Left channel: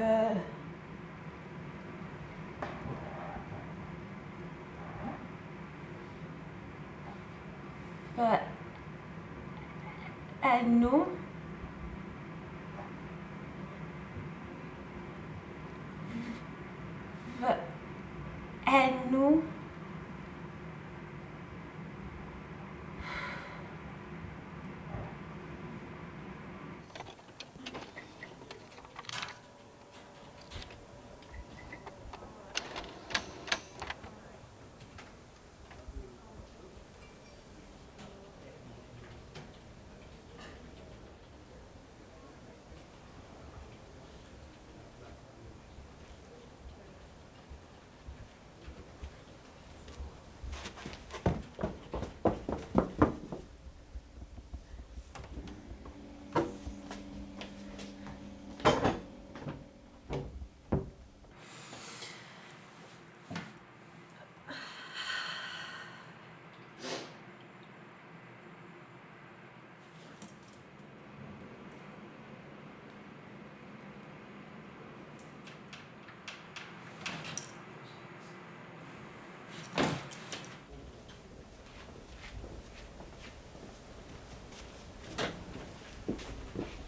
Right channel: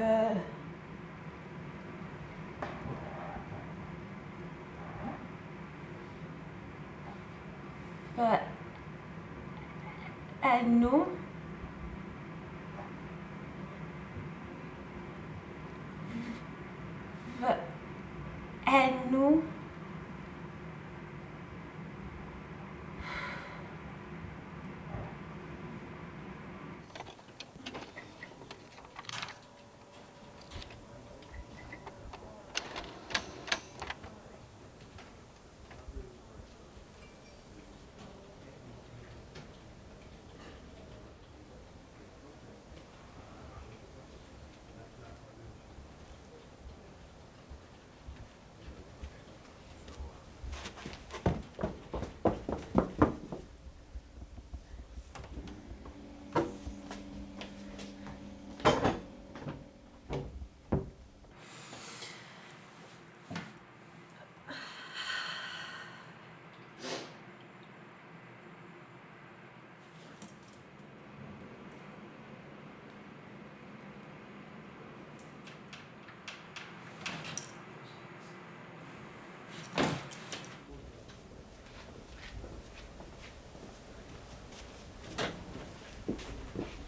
fy enw fy enw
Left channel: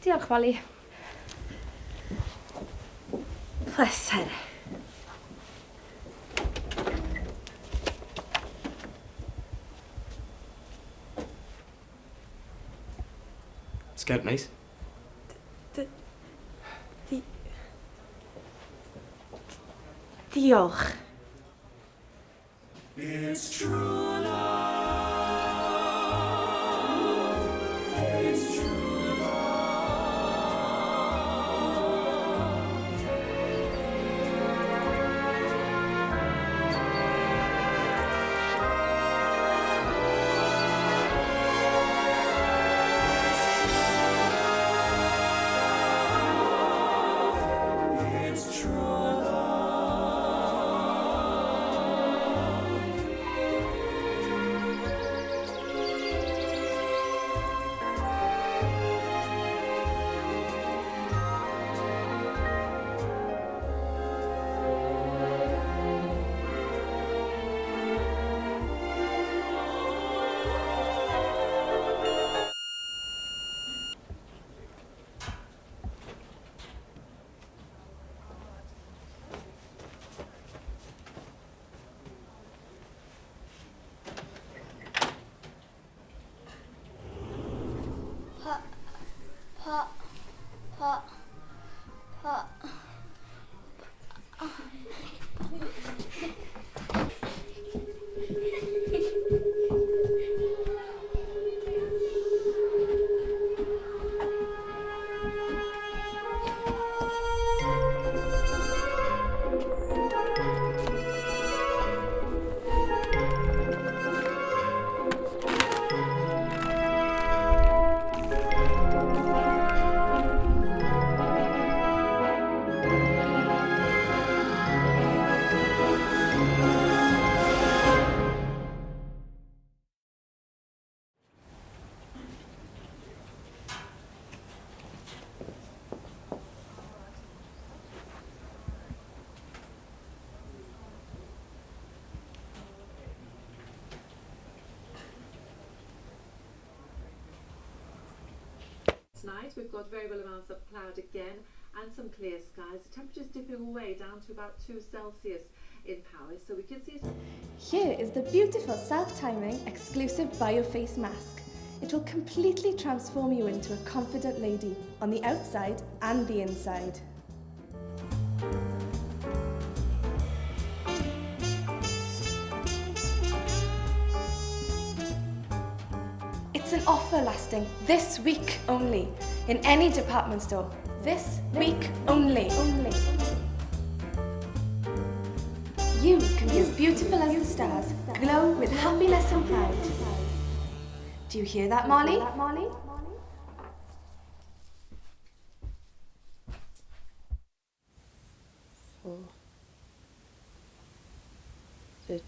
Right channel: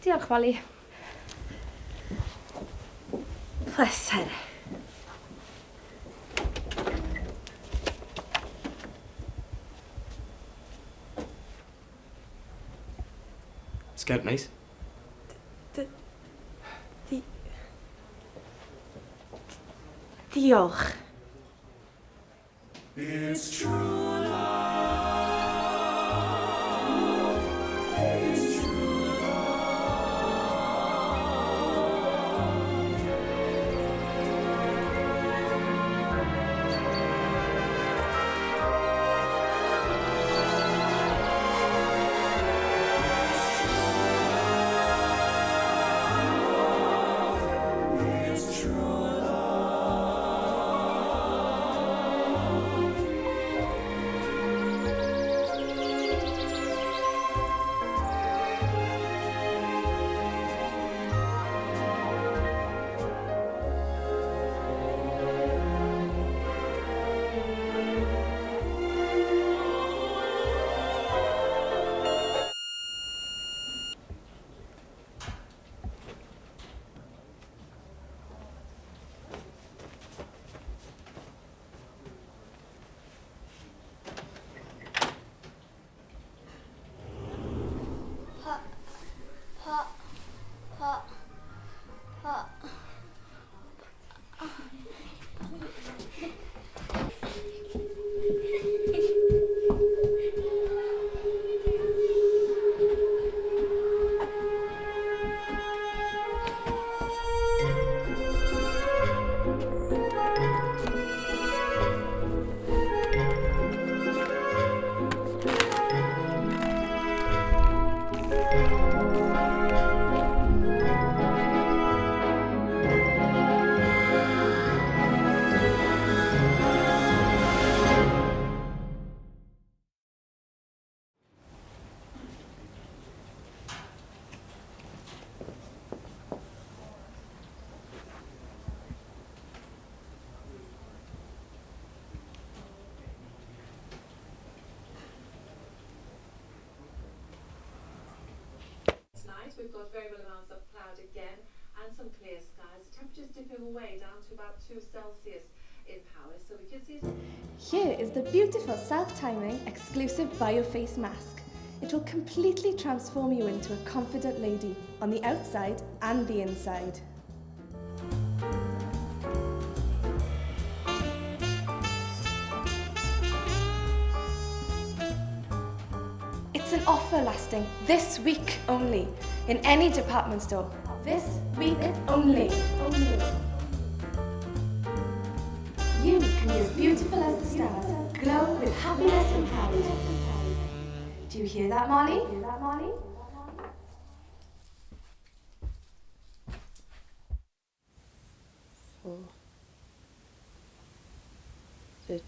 Diolch, Molly. Pleser. Scout nice? Diolch. It's true love. It's true love. It's true love. Tonight we've got variable amounts of cloud again and some clear skies. The temperature's dipping away down to about 2 Celsius in Paris, so we can see it. Here is the beautiful self-timing exclusive BioFace mask. It will completely transform you into a confident lady on the outside and the inside. It's an offer lasting this week only in any department store. This week only. You can be as beautiful as the stars, glow with happiness and pride. Do you hear that, Molly? The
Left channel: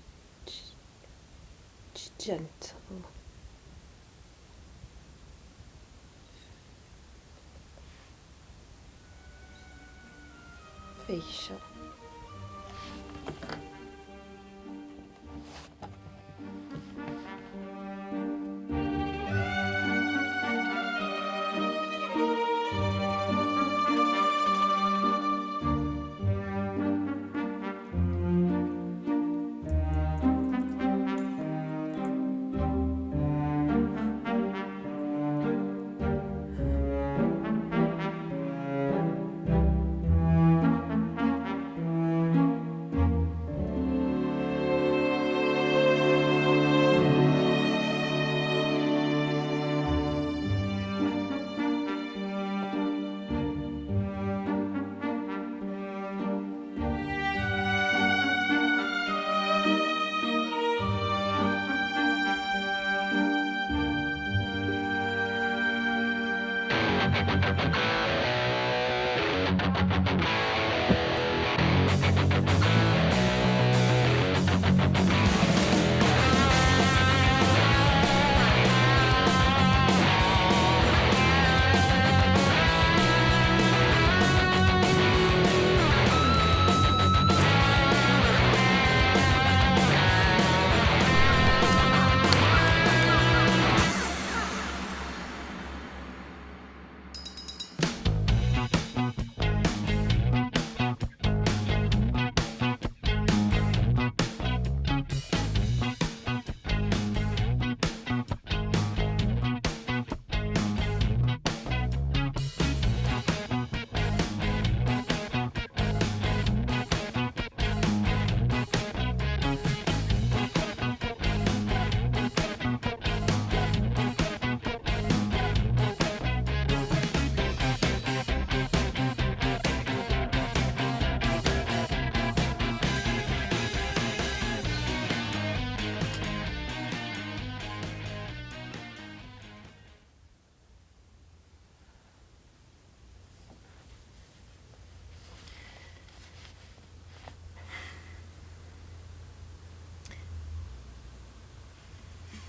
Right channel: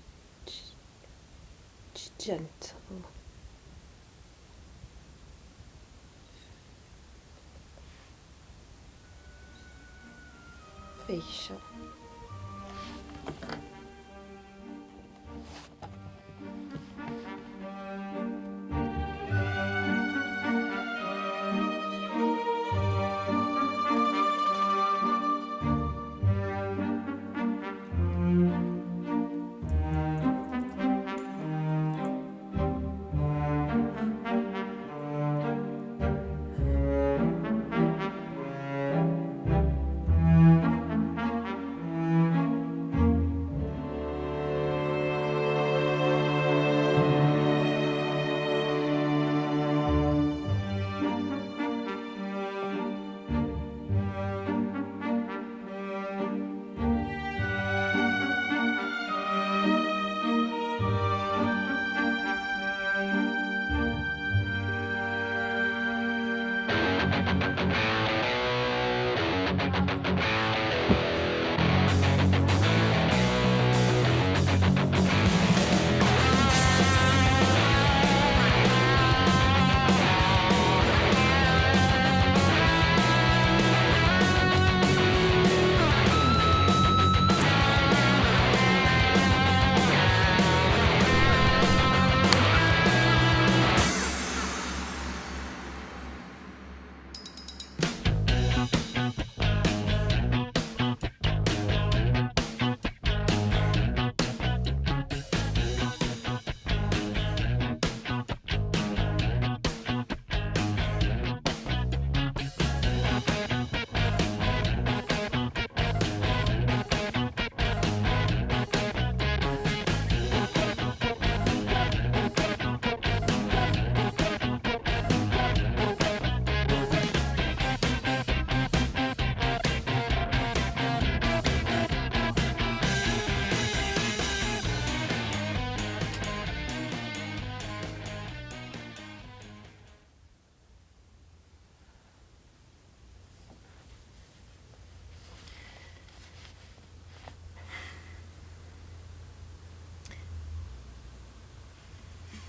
gentle. Feisio.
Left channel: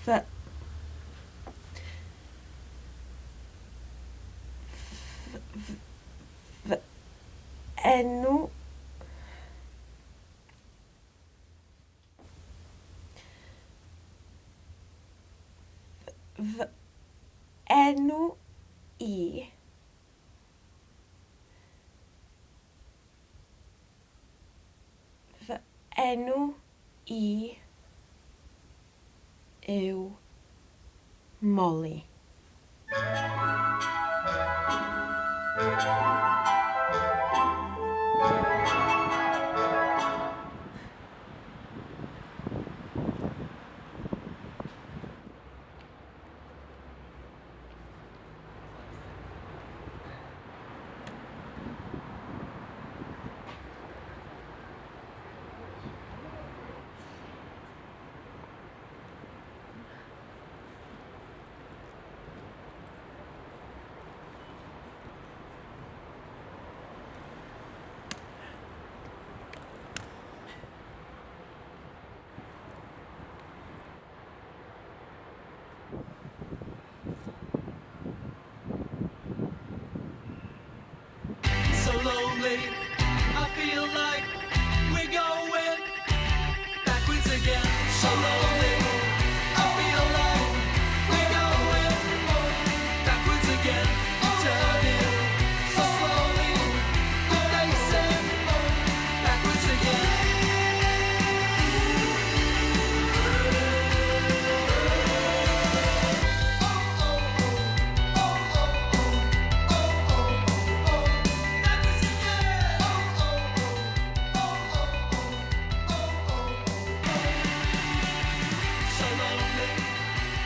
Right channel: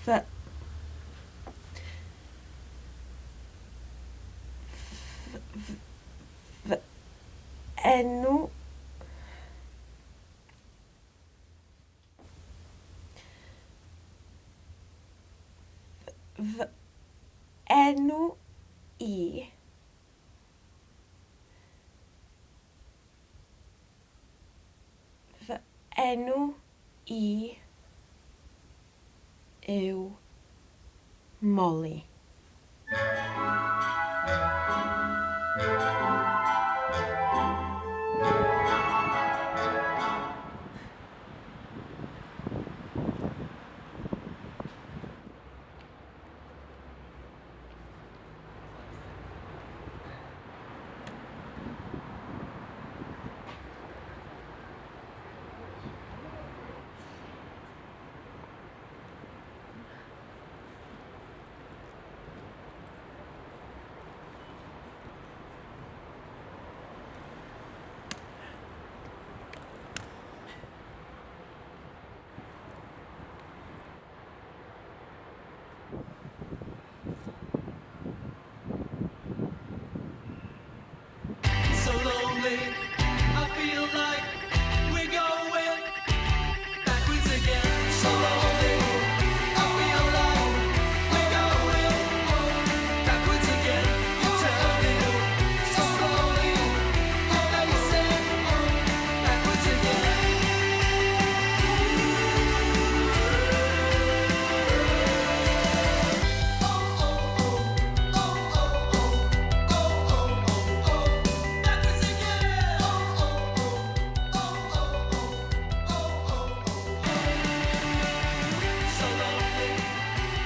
Fy enw fy enw i fy enw i yw Molly. So lonely, I feel like we're going backwards again. So lonely, I feel like we're going backwards again. Turning so slowly, facing backwards again. So lonely,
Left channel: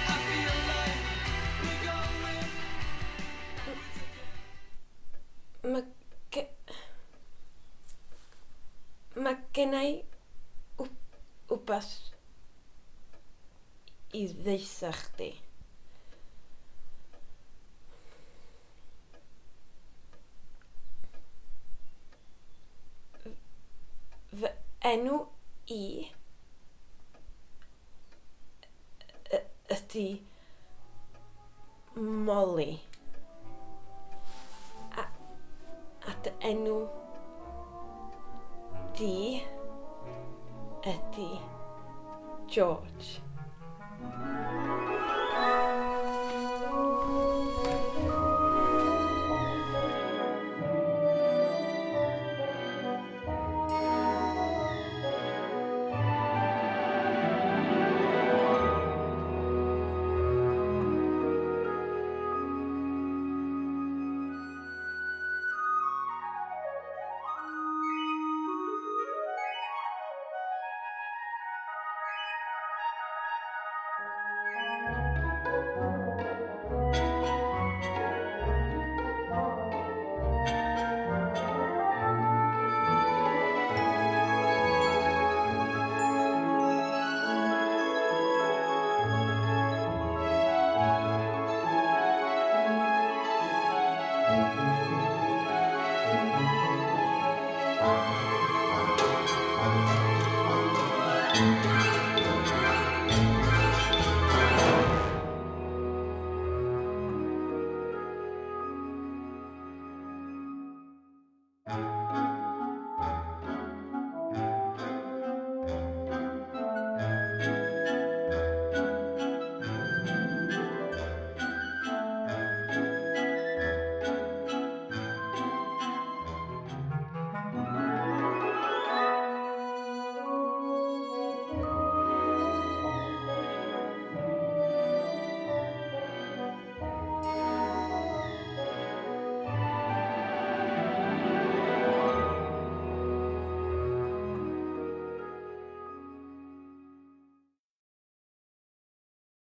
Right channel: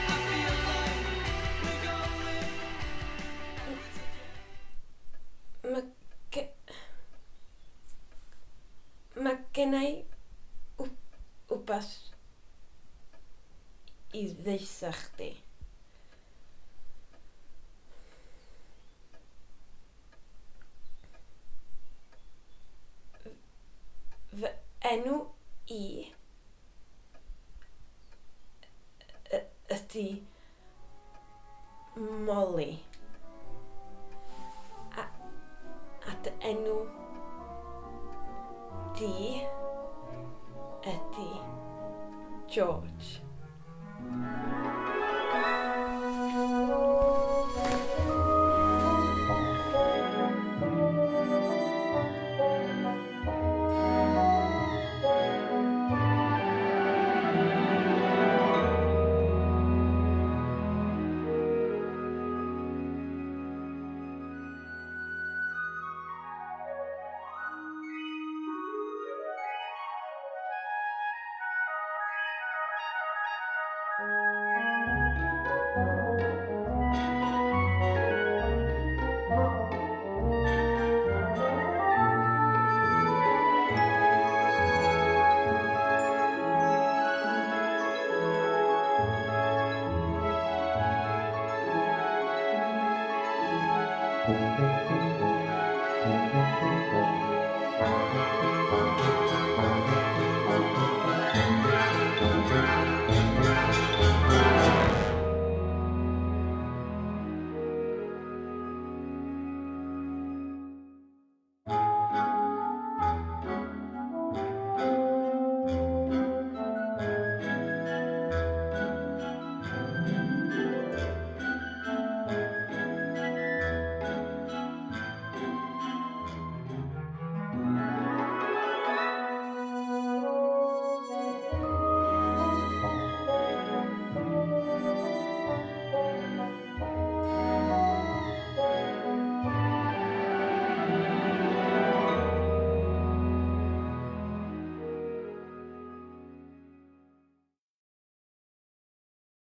I feel like we're going Mae gennau wbath i ddeitha chdi. Fy enw i ydy Molly. A dy enw di ydy George.